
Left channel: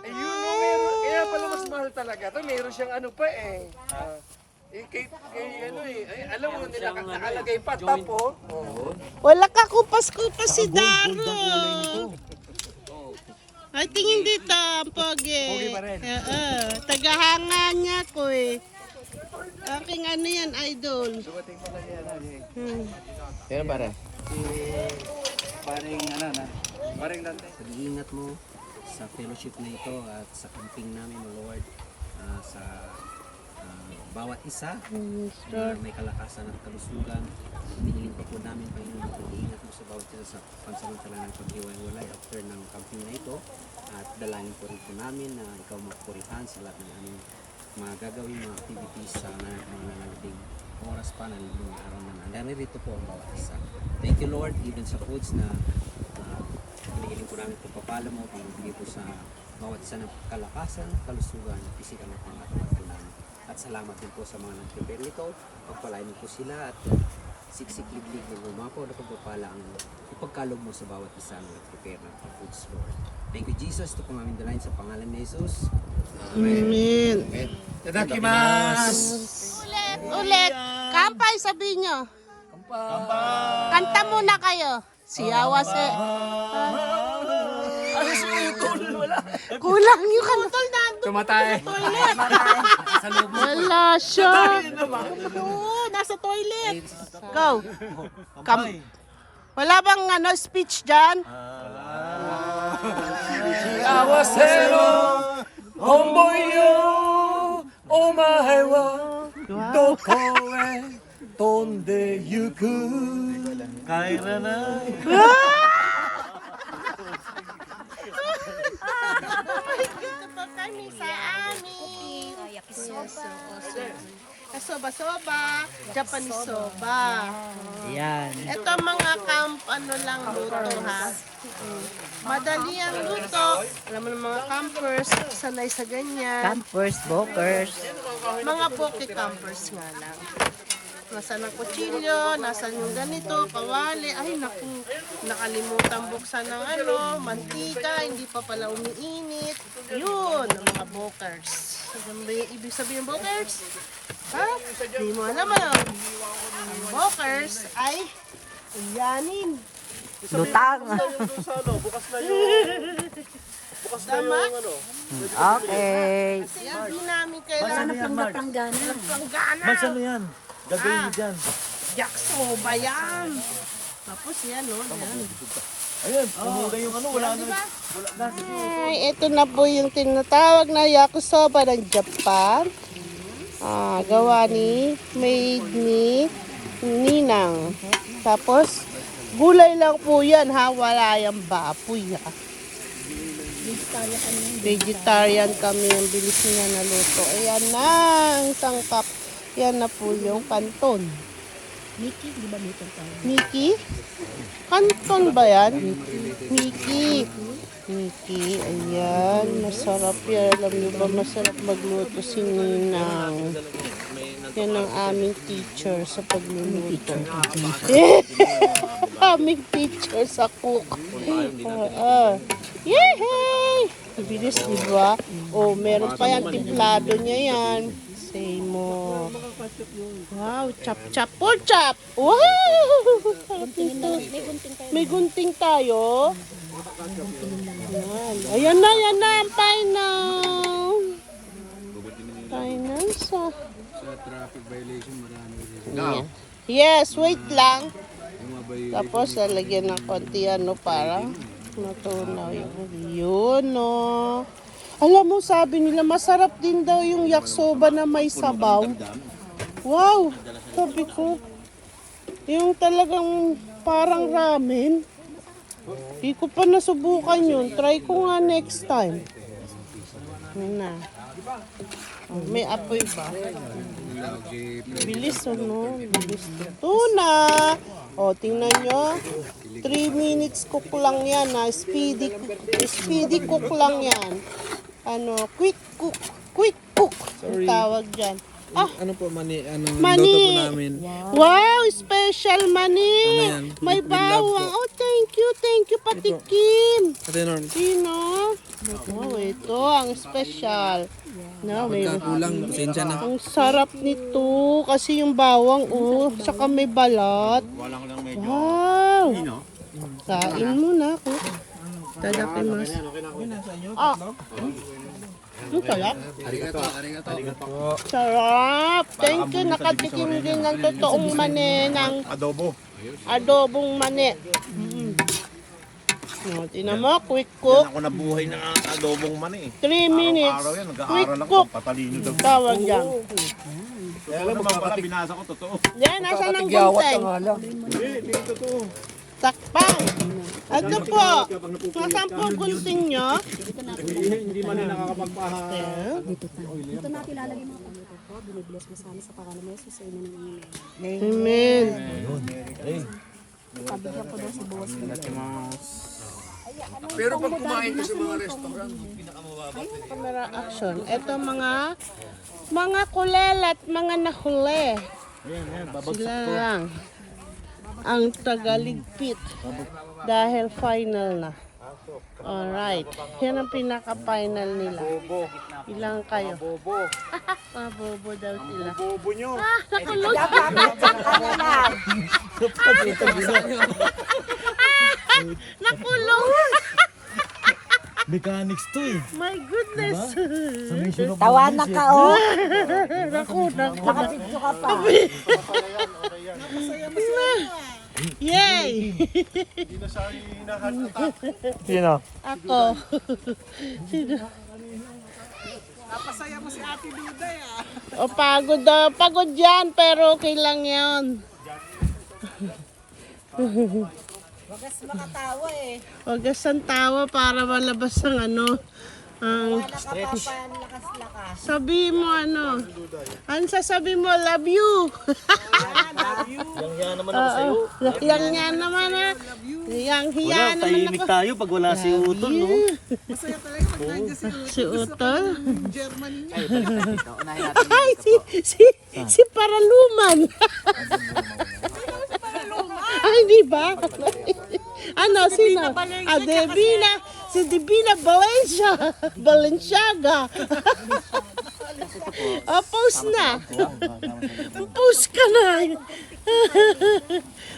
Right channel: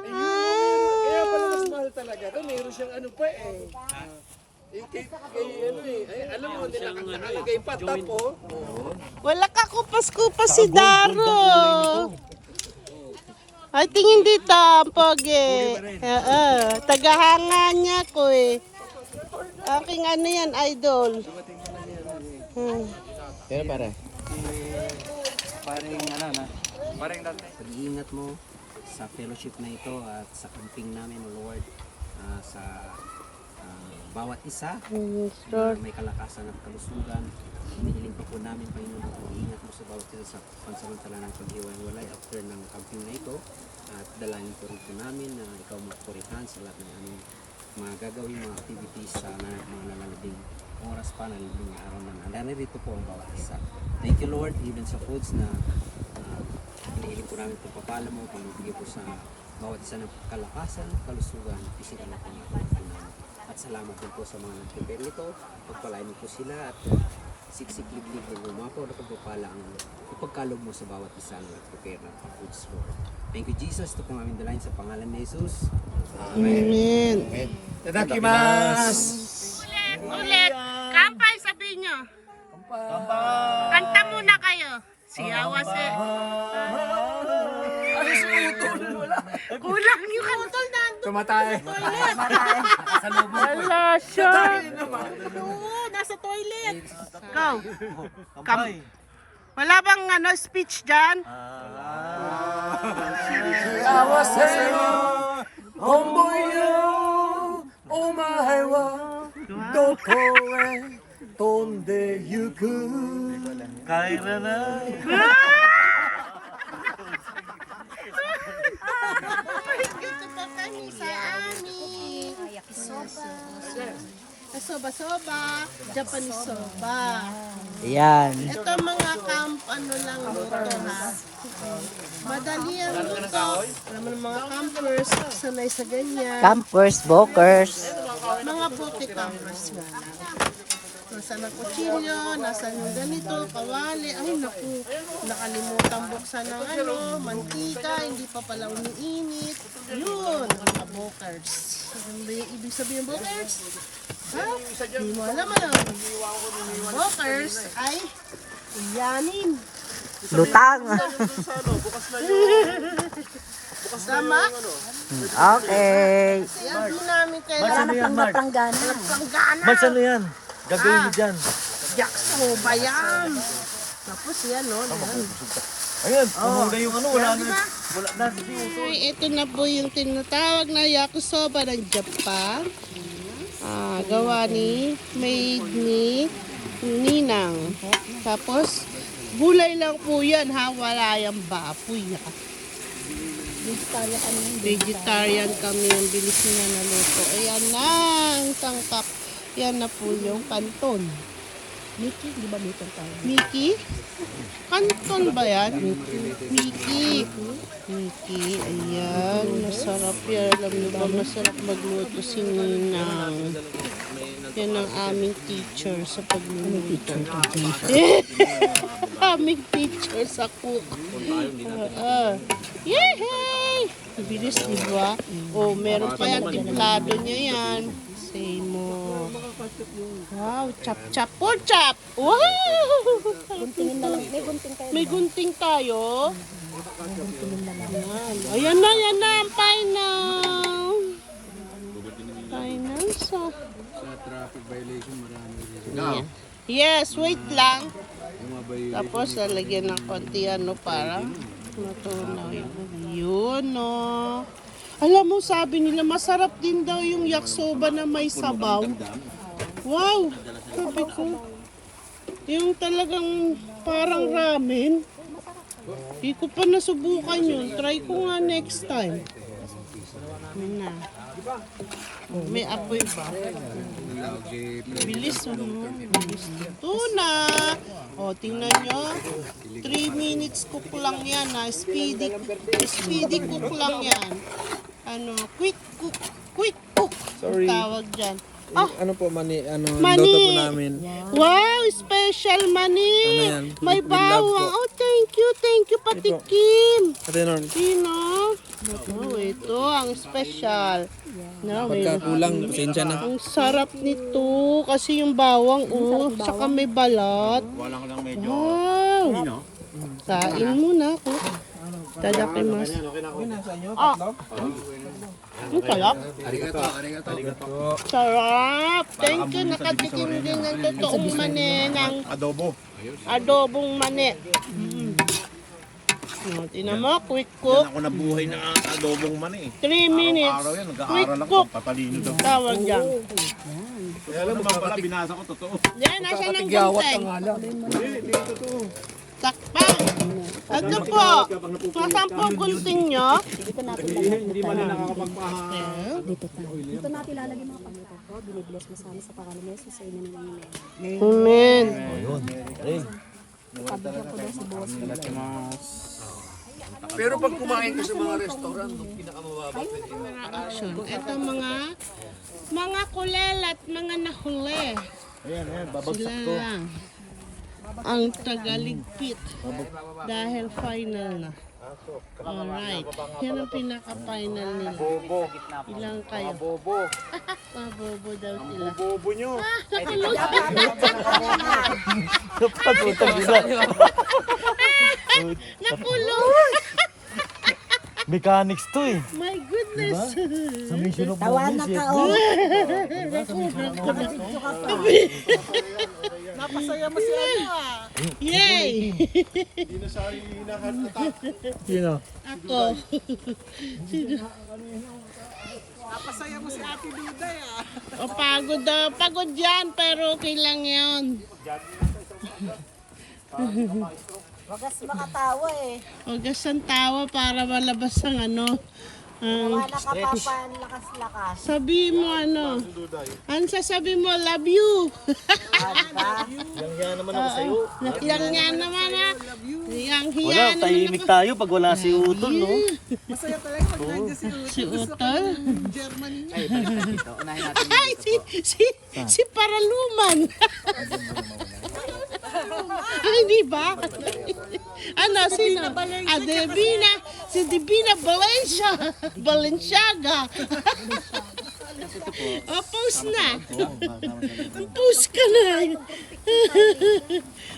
Kaya pala mas mahal talaga. Ito, meron siyang ano pa eh. Alam mo nila, nakalagay pa tapo. Wala ka kupas-kupas si Daro. Ay, tingin dito, ang Pogi. Tagahanga niya ko eh. Aking ano yan, idol. Pero para. Parang pag-iingat mo sa fellowship na ito at sa camping namin, O Lord, sa bawat isa na may kalakasan at kalusugan. Hinihiling pa po namin, Panginoon, ang pag-iingat mo sa bawat isa sa pansamantala ng paghiwa-hiwalay after ng camping na ito. At dalangin po rin po namin na ikaw magpurihan sa lahat ng aming magagawin mga activities sa mga nalalabing oras pa, nalalabing araw na narito po ang bawat isa. Thank you Lord, even sa foods na hinihiling po namin pagpapala mo, pamibigay po sa bawat isa ng kalakasan, kalusugan, pisikal na pangatawa po namin. At salamat din po sa mga nag-prepare nito, pagpalain mo po sila at siksik-liblig ng umapaw na pagpapala ang ipagkalog mo sa bawat isa ng nag-prepare ng foods, Lord. Thank you Jesus, ito pong aming dalayan sa pangalan ni Jesus. Amen. Itadakimasu! Ulit. Kampay, sabihin nyo. Kanta muna kayo. Siyawa si... Kulang yung kantol nandun. Tumatay! Wala siya. Oo, nasa toilet. Go. Wala bang speech dyan? Awasero, homboyo, omae wa doko e tonde yuku. Kaira na. Dito pa kami sa amin. Soba-soba, Japanese soba. Ayan. Ito mga camp, lang luto ha. Madali ang luto. Alam mo ng mga campers, sanay sa ganyan. Campers, bokers. Mga poke campers nga lang. Nasaan ang kutsilyo, nasaan yung ganito, kawali. Ay naku, nakalimutan buksan ng mantika, hindi pa pala umiinit. Yun, ang mga bokers. Ano ba yung ibig sabihin ng bokers? Ha? Di mo alam bokers ay uyanin. Lutang. Tama? Okay. Kaya di namin kailangan Planggana. planggana. Ano yan? Gagawin mo dyan. Yaksoba yan. Tapos yan, yan. Ayun, tumulay yung wala na. Diba? Ay, ito na po yung tinatawag na yakisoba ng Japan. Gawa ni, made ni Ninang. Tapos, gulay lang po yan ha, wala yung baboy ha. Vegetarian kami, ang bilis niya na luto. Ayan na, ang tangkap. Yan na po yung kanton. Mickey, di ba dito tayo? Mickey? Kanton ba yan? Mickey. Mickey, ayan. Masarap yan. Alam niyo ba, masarap magluto si Ninang. Yan ang aming teacher sa pagluluto. Aming teacher sa cook. Yehey! Bilis, di ba? Oh, meron pa yan. Timplado niya yan. Say mo. Wow, chap-chap po, chap! Wow! May gunting tayo. Ayan na, ang final. Final sa Traffic violation, marami rin. yeah. Yes, wait lang. Tapos lalagyan ng konti para matunaw yun no. Alam mo, sabi nila masarap din daw yung yakisoba na may sabaw. Wow, sabi ko. Yung talagang parang ramen. Hindi ko pa nasubukan yun. Try ko nga next time. Yun na. May apoy ba? Bilis bilis. Ito na. O, tingnan nyo. 3 minutes cook lang yan ha. Speedy cook lang yan. Quick cook. Quick cook. Ang tawag dyan. Ano po, mani? Mani. Luto po namin. Wow, special mani. yan? May With love bawang. po. Oh, thank you Pati Ito. Kim. Ate Norm, Sino? Oh, ito ang special. No, may kulang, pasensya na. ang sarap nito kasi yung bawang saka may balat. Wow. Kain mo na ako. Tadakimasu. Ang sarap. Sarap. Thank you. Nakatikim din ng totoong mani ng adobong mani. Tinan mo, quick cook. Ako nabuhay na adobong mani. 3 minutes. Quick cook. Patalino daw. Tawag dyan. Kaya naman pala binasa ko totoo. Yan, nasa ng content. Takpan. Ito po. Nasaan po ang gunting nyo? Hindi man na nakakapagpaha. Dito natin ilalagay mga pangako. Binibless mo sa amin sa pangalan ni Jesus. Amen. Amen. Pabigyan ko daw si boss. Pero pag kumain ka sa mga restaurant, pinakamababa. Camera action. Ito mga kulelat, mga nahuli. Sila lang ang tagaligpit dahil final na. Alright. Yan ang pinaka-final nila. Ilang kayo? Bobo. Mabobo daw sila. Bobo nyo. Nakulong. Nakulong. Mechanics to eh. My goodness. Sa Mission of Tawanan Bombay, ka, oh. Naku. Nakatidyo ka pa. Napasaya mo siya. Yay! Sino? Ako. Napasaya mo si Ate Duday O pagod daw. Pagod yan, pero okay lang yan. Wagas makatawa eh. Huwag ang tawa para malabas ang ano. Ang Nakapapanlakas-lakas. sabi mo ano. Ang sasabi mo, love you. Yang hiya naman ako sa'yo. Yang hiya naman ha. Yang hiya Wala, naman tahimik ako. tayo pag wala si Utol, no? Masaya talaga pag nandiyan si Utol. Si Utol. Germany. Ay, si Paraluman. Ay, di ba? Ano, sino? Ah, Divina. Si Divina Balenciaga. Oh, post na. Post ka na.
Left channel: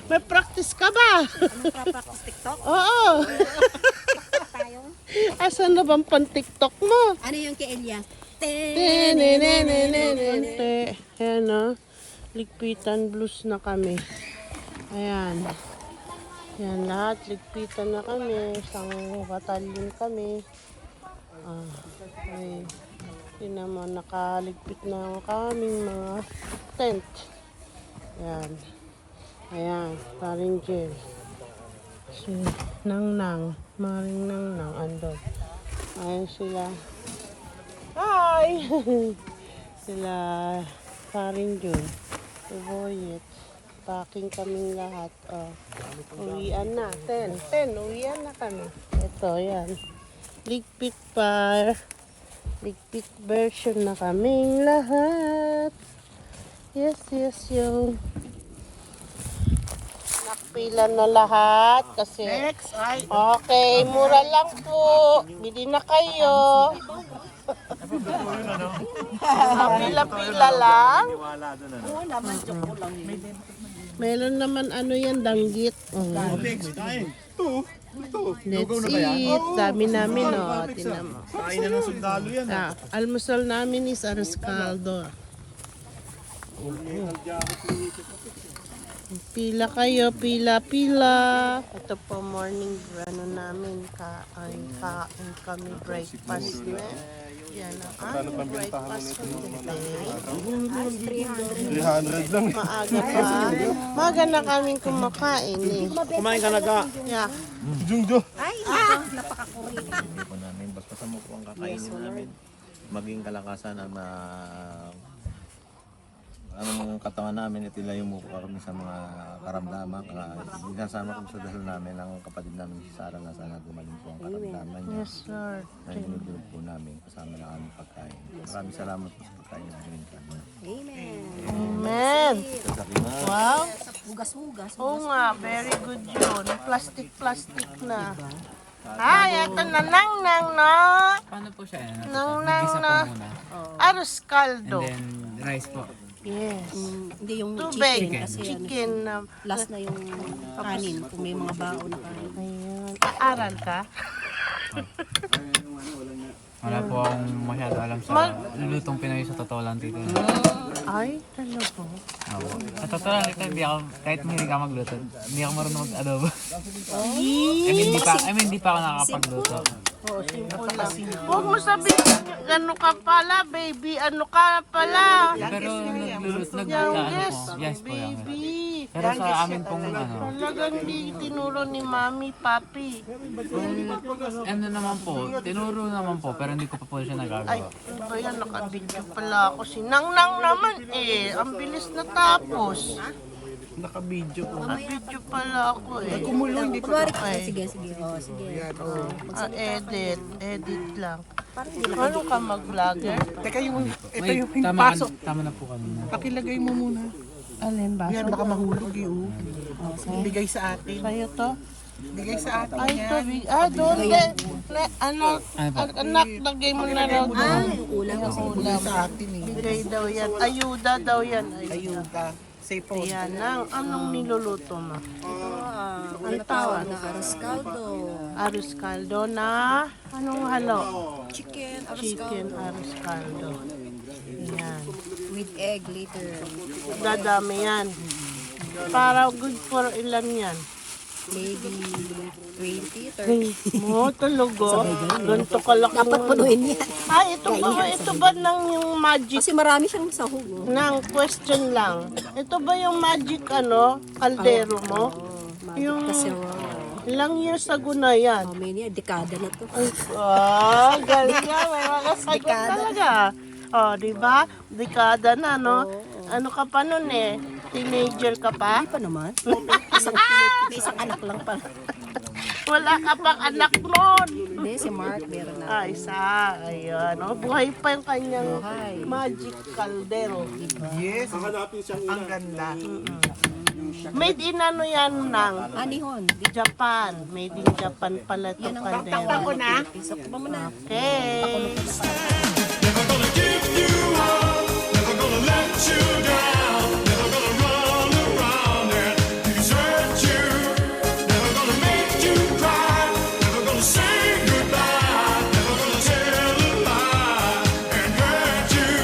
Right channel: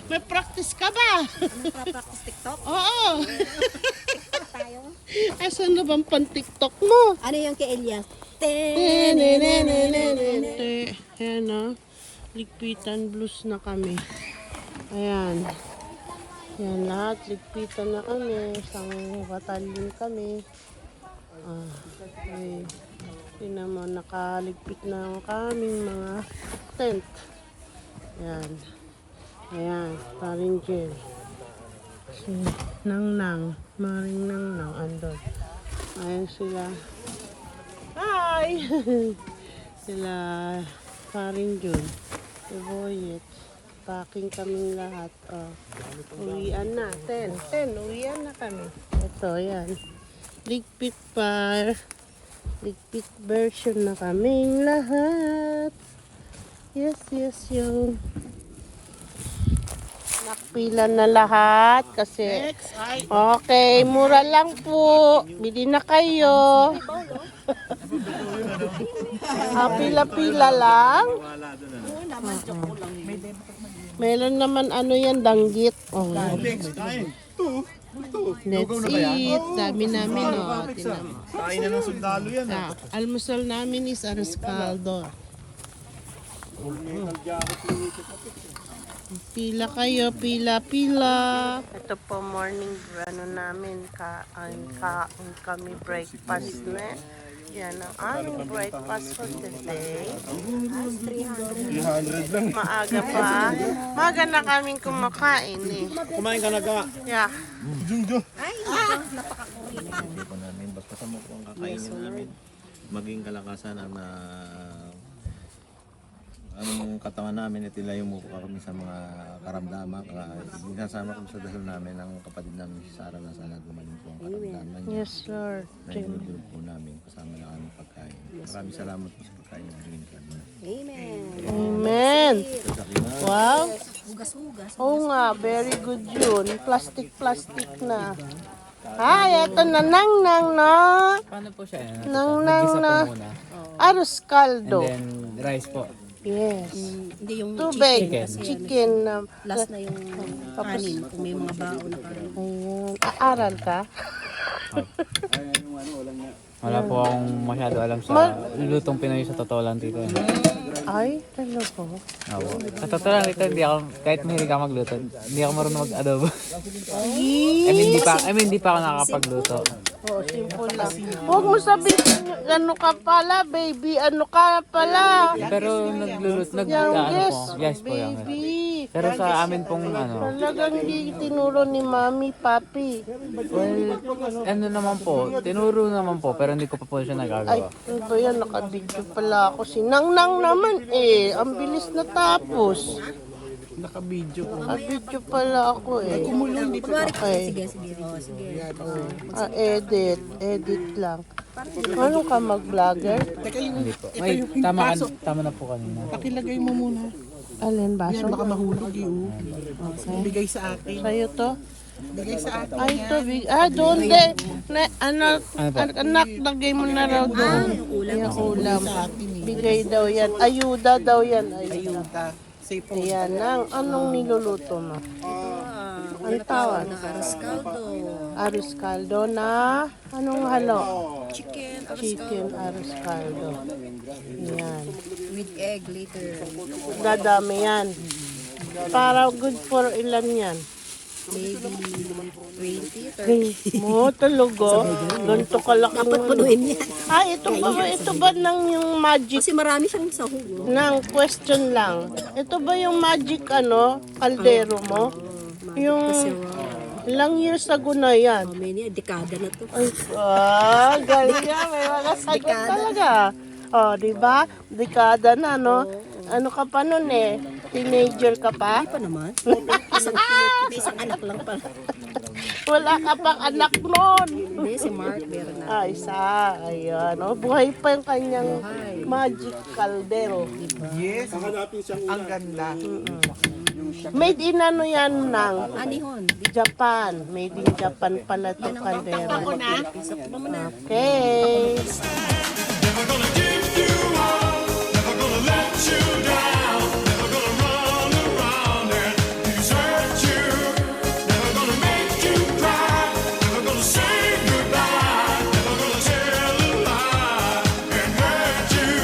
May practice ka ba? Practice TikTok? Oo. Tayo. Asan na bang pan-TikTok mo? Ano yung kay Elias? Ayan o. Ligpitan blues na kami. Ayan. Ayan lahat. Ligpitan na kami. Isang batalyon kami. Okay. Tingnan mo, nakaligpit na ang kaming mga tent. Ayan. Ayan. Paring gel. Si Nang. Maring Nang. Andun. Ayan sila. Hi! Sila paring Jun. Uboyet. Packing kaming lahat. Uwian na. 10. Uwian na kami. Ito, yan. Ligpit pa. Ligpit version na kaming lahat. Yes, yo. Pila na lahat kasi okay, mura lang po. Bili na kayo. Pila lang. Oo naman, choco lang. Meron naman ano yan, danggit. Oh. Let's eat. Dami namin, oh. Tinan mo. Kain na ng sundalo yan. Almusal namin is aros caldo. Pila kayo, pila. Ito po morning ano namin, kain kami breakfast na. Yan ang aming breakfast for today. 300 lang. Maaga pa. Maaga na kaming kumakain eh. Kumain ka na ka. Yeah. Jungjo. Hindi po namin. Basta mo po ang kakainin namin. Maging kalakasan ang anong katawan namin, itilayo mo po kami sa mga karamdaman. Sinasama ko sa dasal namin ang kapatid namin si Sarah na sana gumaling po ang karamdaman niya. Yes, sir. Na dinudulog po namin kasama na aming pagkain. Maraming salamat po sa pagkain na binigyan kami. Amen. Amen. Wow. Hugas-hugas. Oo nga, very good yun. Plastic na. Ay, ito na nang na. Paano po siya? Nang Nag-isa na. po muna. Aros And caldo. then rice po. Yes. Hindi yung Tubig. chicken. Kasi Chicken na. last na yung kanin. Kung may mga baon na kanin. Aaral ka? Wala po akong masyado alam sa lutong Pinoy sa totoo lang dito. Ay, talaga. Sa totoo lang dito, kahit hindi ka magluto, hindi ako marunong mag-adobo. Hindi pa ako nakakapagluto. Oo, simple lang. Huwag mo sabihin, ano ka pala, baby, ano ka pala. Pero nagluluto, Yes, yes po yung baby. Pero sa amin pong Talagang hindi tinuro ni Mami, Papi. ano naman po, tinuro naman po, pero hindi ko pa po siya Ay, nagagawa. ano ba yan? Nakadikto pala ako. Sinang-nang naman eh. Ang bilis na tapos. Naka-video po. Nakabidyo pala ako eh. Kumulong dito. Sige, sige. Oh, sige. Edit. Edit lang. Ano ka mag-vlogger? Teka, yung, ito Wait, yung tama, pasok. tama na po kanina. Pakilagay mo muna. Alin ba? Yan, baka mahulog yun. Bigay sa atin. Sa'yo to? Bigay sa atin. Ay, to. Doon din. Anak, lagay mo na raw. Yung ulam kasi. Ulam. Sa atin eh. Bigay daw yan. Ayuda daw yan. Ayuda. Say po. Ayan lang. Anong niluluto mo? Ano tawag na arroz caldo. Arroz caldo na anong halo? Chicken, Chicken arroz caldo. Yan. with egg later. Dadami yan. Para good for ilan yan? Maybe 20, 30. Mo talaga. Ganito kalaki. Dapat punuin yan. Ay, ito ba ng magic? Kasi marami siyang sahog. Oh. Nang question lang. Ito ba yung magic kaldero mo? Yung Kasi ilang years ago na yan. may niya, dekada na to. Galing nga. May mga sagot talaga. Di ba? Dekada na, no? Ano ka pa nun eh? Teenager ka pa? Hindi pa naman. Isang anak lang pala. Wala ka pang anak nun. Hindi, si Mark meron na. Isa. Ayan. Buhay pa yung kanyang magic caldero. Yes. Ang ganda. Made in ano yan ng Anihon. Japan. Made in Japan pala ito caldero. Ako na. Isok mo na. Okay. Never gonna give you up, never gonna let you down, never gonna run around and desert you, never gonna make you cry, never gonna say goodbye, never gonna tell a lie and hurt you.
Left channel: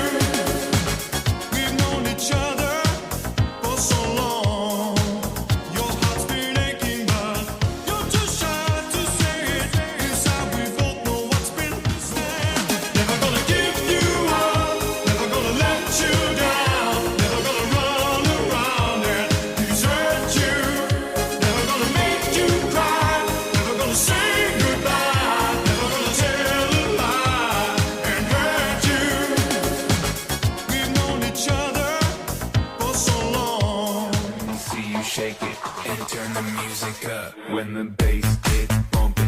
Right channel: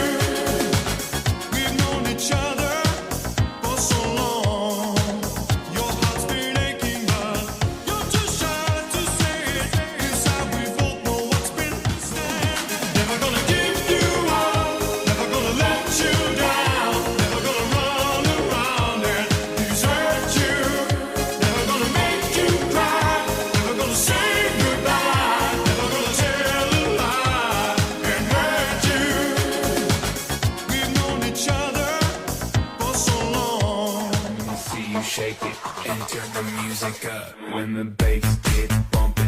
We've known each other for so long, your heart's been aching but you're too shy to say it. Inside we both know what's been said. Never gonna give you up, never gonna let you down, never gonna run around and desert you, never gonna make you cry, never gonna say goodbye, never gonna tell a lie and hurt you. We've known each other for so long. See you shake it and turn the music up when the bass gets bumping.